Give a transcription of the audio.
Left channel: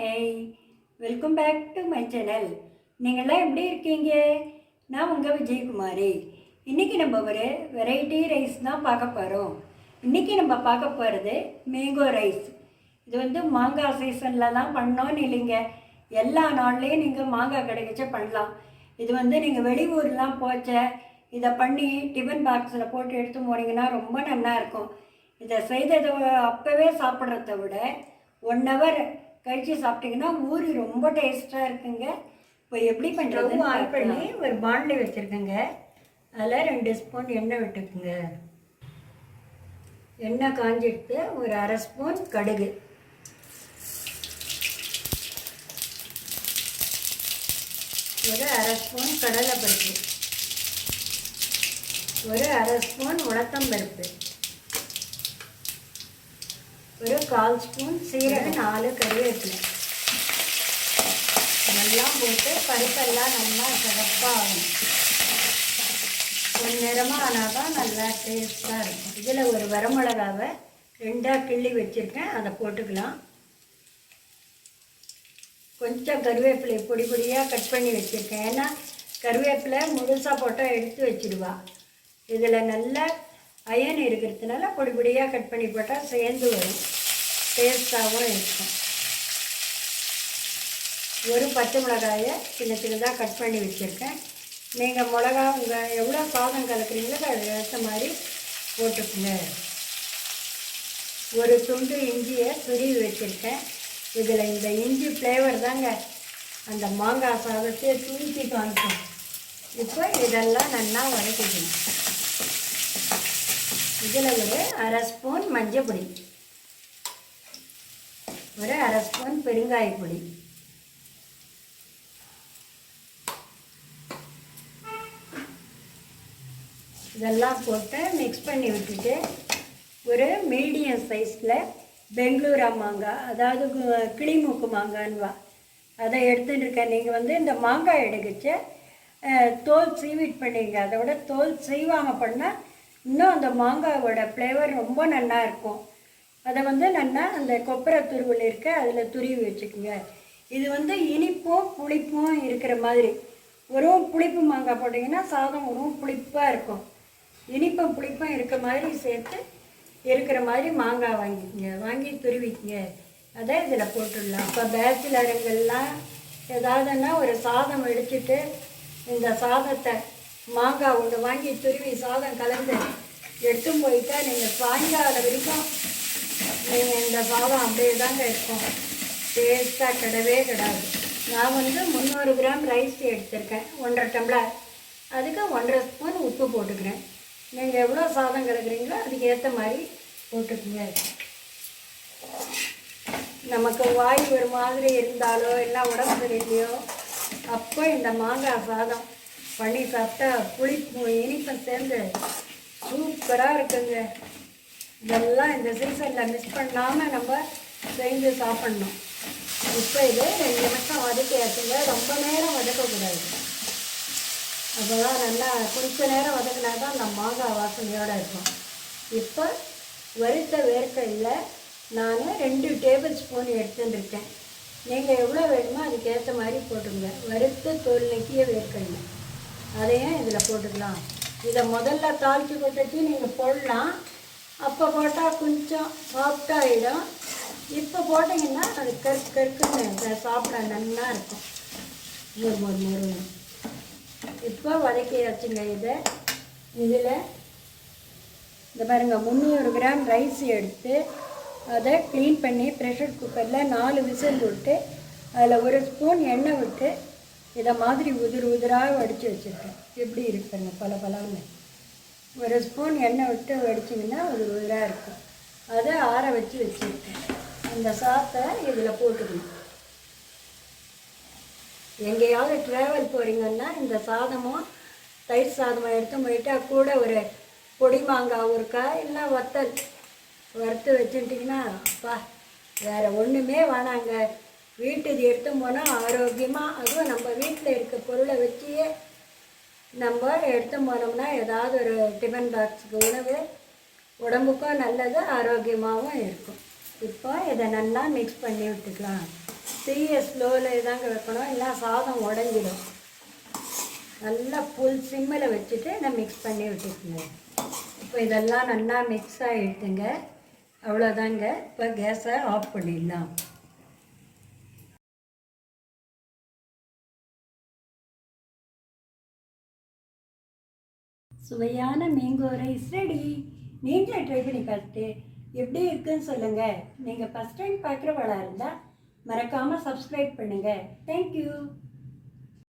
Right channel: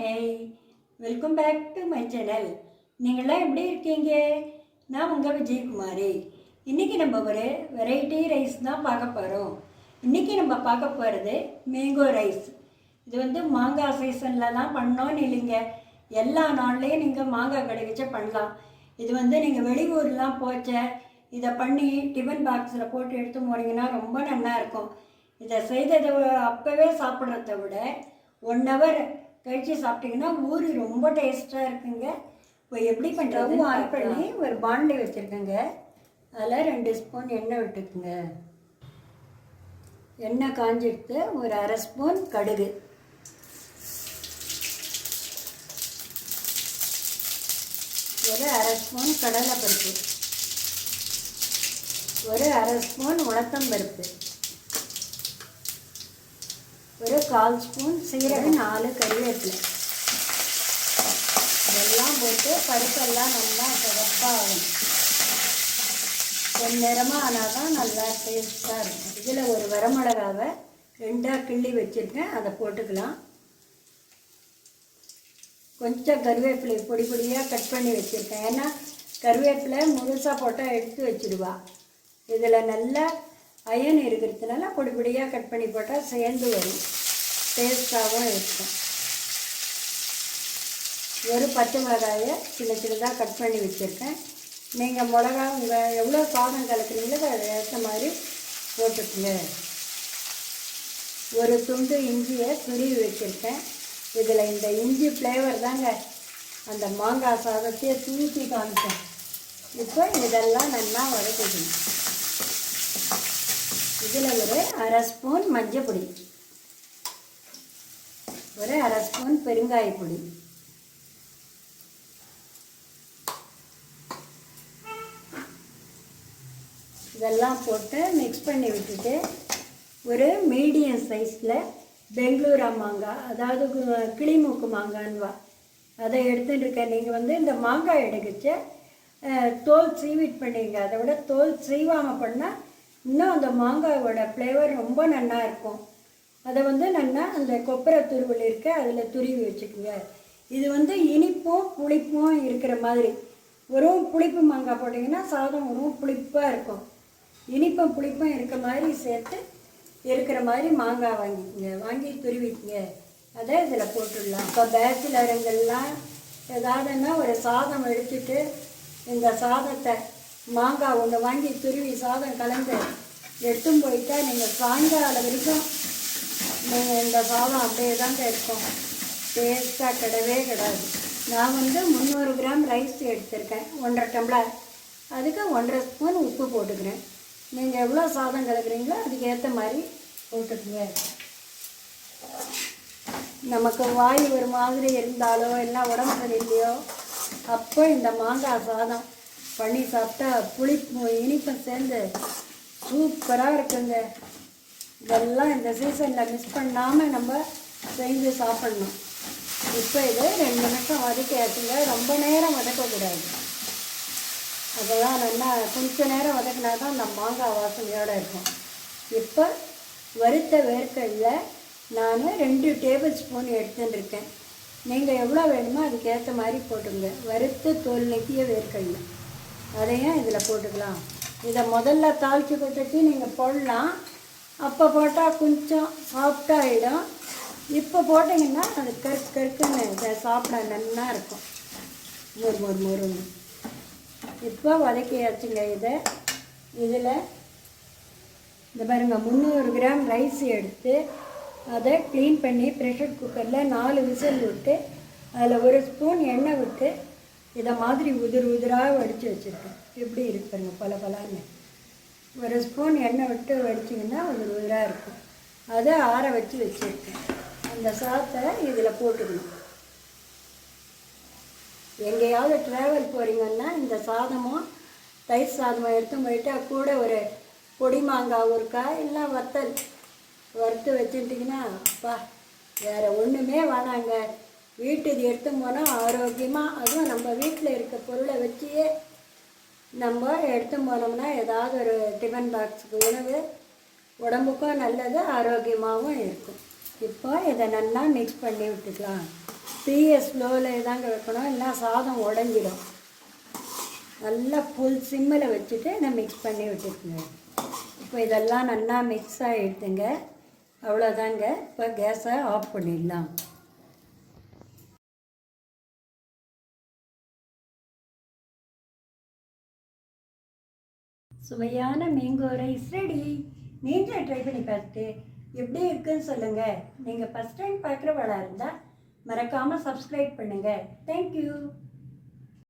Hey, welcome back to my channel. நீங்கள்லாம் எப்படி இருக்கீங்க? நான் உங்கள் விஜயகுமாரி. இன்றைக்கி நம்ம ஒரு வெரைட்டி ரைஸ் தான் பார்க்க போகிறோம். இன்றைக்கி நம்ம பார்க்க போகிறது மேங்கோ ரைஸ். இது வந்து மாங்காய் சீசனில் தான் பண்ணோன்னு இல்லைங்க, எல்லா நாள்லேயும் நீங்கள் மாங்காய் கிடைக்கச்ச பண்ணலாம். இது வந்து நீங்கள் வெளியூர்லாம் போச்ச இதை பண்ணி டிஃபன் பாக்ஸில் போட்டு எடுத்து போனீங்கன்னா ரொம்ப நல்லா இருக்கும். இதை செய்ததை அப்போவே சாப்பிட்றத விட 1 hour கழித்து சாப்பிட்டிங்கன்னா ஊறி ரொம்ப டேஸ்ட்டாக இருக்குங்க. இப்போ எப்படி பண்ணுறது ஆட் பண்ணி ஒரு பாண்டில் வச்சுருக்கேங்க. அதில் 2 ஸ்பூன் எண்ணெய் விட்டுக்குங்க. எண்ணெய் காஞ்சிடுத்து ஒரு 1/2 ஸ்பூன் கடுகு, ஒரு 1/2 ஸ்பூன் கடலைப்பருப்பு, ஒரு 1/2 ஸ்பூன் உளுத்தம்பருப்பு, ஒரு 1/4 ஸ்பூன் சீரகம், 4 கறிவேப்பிலை இதெல்லாம் போட்டு பருப்பெல்லாம் நல்லா சிறப்பாக ஆகும். ஒரு நிறமாக ஆனால் தான் நல்லா டேஸ்ட்டாக இருக்கும். இதில் ஒரு வரமிளகாவை 2ஆக கிள்ளி வச்சுருக்கேன், அதை போட்டுக்கலாம். கொஞ்சம் கருவேப்பிலை பொடி பொடியாக கட் பண்ணி வச்சுருக்கேன். ஏன்னா கருவேப்பிலை முழுசாக போட்டால் எடுத்து வச்சுடுவா. இதில் நல்லா அயன் இருக்கிறதுனால பொடி பொடியாக கட் பண்ணி போட்டால் சேர்ந்து வரும், டேஸ்ட்டாகவும் இருக்கும். ஒரு பச்சை மிளகாயை சின்ன சின்னதாக கட் பண்ணி வச்சுருக்கேன். நீங்கள் மிளகா உங்கள் எவ்வளோ சாதம் கலக்குறீங்களோ அதை ஏற்ற மாதிரி போட்டுக்குங்க. ஒரு துண்டு இஞ்சியை துருவி வச்சுருக்கேன். இதில் இந்த இஞ்சி ஃப்ளேவர் தாங்க அந்த மாங்காய் சாதத்தையே தூக்கி காமிக்கும். இப்போ இதெல்லாம் நல்லா வதக்கிக்கணும். இதில் ஒரு 1/2 ஸ்பூன் மஞ்சள் பொடி, ஒரு 1/2 ஸ்பூன் பெருங்காய பொடி, இதெல்லாம் போட்டு மிக்ஸ் பண்ணி விட்டுட்டு ஒரு மீடியம் சைஸில் பெங்களூரா மாங்காய், அதாவது கிளிமூக்கு மாங்கான்வா, அதை எடுத்துகிட்டு இருக்கேன். நீங்கள் வந்து இந்த மாங்காய் எடுக்கச்சு தோல் சீவிட் பண்ணிங்க. அதை விட தோல் சீவாமல் பண்ணால் இன்னும் அந்த மாங்காயோட ஃப்ளேவர் ரொம்ப நல்லா இருக்கும். அதை வந்து நல்லா அந்த கொப்பரை துருவல் இருக்க அதில் துருவி வச்சுக்கோங்க. இது வந்து இனிப்பும் புளிப்பும் இருக்கிற மாதிரி. ஒரு புளிப்பு மாங்காய் போட்டிங்கன்னா சாதம் ஒரு புளிப்பாக இருக்கும். இனிப்பும் புளிப்பும் இருக்கிற மாதிரி சேர்த்து இருக்கிற மாதிரி மாங்காய் வாங்கிக்கோங்க, வாங்கி துருவிக்குங்க. அதை இதில் போட்டுடலாம். இப்போ பேச்சுலருங்கள்லாம் ஏதாவதுன்னா ஒரு சாதம் வடிச்சிட்டு இந்த சாதத்தை மாங்காய் ஒன்று வாங்கி துருவி சாதம் கலந்து எடுத்துன்னு போயிட்டா நீங்கள் சாயங்காலம் வரைக்கும் நீங்கள் இந்த சாதம் அப்படியே தாங்க இருக்கும், டேஸ்ட்டாக கிடையாது. நான் வந்து 300 கிராம் ரைஸ் எடுத்திருக்கேன், 1.5 டம்ளர். அதுக்கு 1.5 ஸ்பூன் உப்பு போட்டுக்கிறேன். நீங்கள் எவ்வளோ சாதம் கலக்குறீங்களோ அதுக்கு ஏற்ற மாதிரி போட்டுக்குங்க. நமக்கு வாய் ஒரு மாதிரி இருந்தாலோ இல்லை உடம்பு சரியில்லையோ அப்போ இந்த மாங்காய் சாதம் பண்ணி சாப்பிட்டா புளிப்பு இனிப்பும் சேர்ந்து சூப்பராக இருக்குங்க. இதெல்லாம் இந்த சீசனில் மிஸ் பண்ணாமல் நம்ம செஞ்சு சாப்பிட்ணும். இப்போ இது 2 நிமிஷம் வதக்கியாச்சுங்க. ரொம்ப நேரம் வதக்கக்கூடாது. அதெல்லாம் நல்லா கொஞ்சம் நேரம் வதக்கினா தான் அந்த மாங்காய் வாசனையோடு இருக்கும். இப்போ வறுத்த வேர்க்கடலை நான் 2 டேபிள் ஸ்பூன் எடுத்துட்டுருக்கேன். நீங்கள் எவ்வளோ வேணுமோ அதுக்கேற்ற மாதிரி போட்டுங்க. வறுத்து தோல் நீக்கிய வேர்க்கடலை அதையும் இதில் போட்டுக்கலாம். இதை முதல்ல தாளித்து கொட்டச்சு நீங்கள் போடலாம். அப்போ போட்டால் கொஞ்சம் சாஃப்டாகிடும். இப்போ போட்டிங்கன்னா அது கருக்குன்னு சாப்பிட நல்லா இருக்கும், மொறு. இப்போ வதக்கியாச்சுங்க. இதில் இந்த பாருங்க 300 கிராம் ரைஸ் எடுத்து அதை க்ளீன் பண்ணி ப்ரெஷர் குக்கரில் 4 விசில் விட்டு அதில் 1 ஸ்பூன் எண்ணெய் விட்டு இதை மாதிரி உதிராக வடித்து வச்சுருக்கேன். எப்படி இருக்குங்க பலன்னு. 1 ஸ்பூன் எண்ணெய் விட்டு வடிச்சிங்கன்னா உதிராக இருக்கும். அதை ஆற வச்சு வச்சுருக்கேன். அந்த சாத்தை இதில் போட்டுக்கணும். எங்கேயாவது ட்ராவல் போகிறீங்கன்னா இந்த சாதமும் தயிர் சாதமும் எடுத்து போயிட்டால் கூட ஒரு பொடி மாங்காய் ஊறுக்காய் இல்லை வத்தல் வறுத்து வச்சுட்டிங்கன்னா வேறு ஒன்றுமே வேணாங்க. வீட்டுக்கு எடுத்து போனால் ஆரோக்கியமாக, அதுவும் நம்ம வீட்டில் இருக்க பொருளை வச்சியே நம்ம எடுத்து போனோம்னா ஏதாவது ஒரு டிஃபன் பாக்ஸுக்கு உணவு உடம்புக்கும் நல்லது, ஆரோக்கியமாகவும் இருக்கும். இப்போ இதை நல்லா மிக்ஸ் பண்ணி விட்டுக்கலாம். தீயை ஸ்லோவில் தாங்க வைக்கணும், இல்லை சாதம் உடஞ்சிடும். நல்லா ஃபுல் சிம்மில் வச்சுட்டு நான் மிக்ஸ் பண்ணி விட்டுக்குங்க. இப்போ இதெல்லாம் நல்லா மிக்ஸ் ஆகிட்டுங்க. அவ்வளோதாங்க. இப்போ கேஸை ஆஃப் பண்ணிடலாம். சுவையான மேங்கோ ரைஸ் ரெடி. நீங்களே ட்ரை பண்ணி பார்த்துட்டு எப்படி இருக்குன்னு சொல்லுங்கள். நீங்கள் ஃபஸ்ட் டைம் பார்க்குறவளாக இருந்தால் மறக்காமல் சப்ஸ்கிரைப் பண்ணுங்கள். தேங்க்யூ.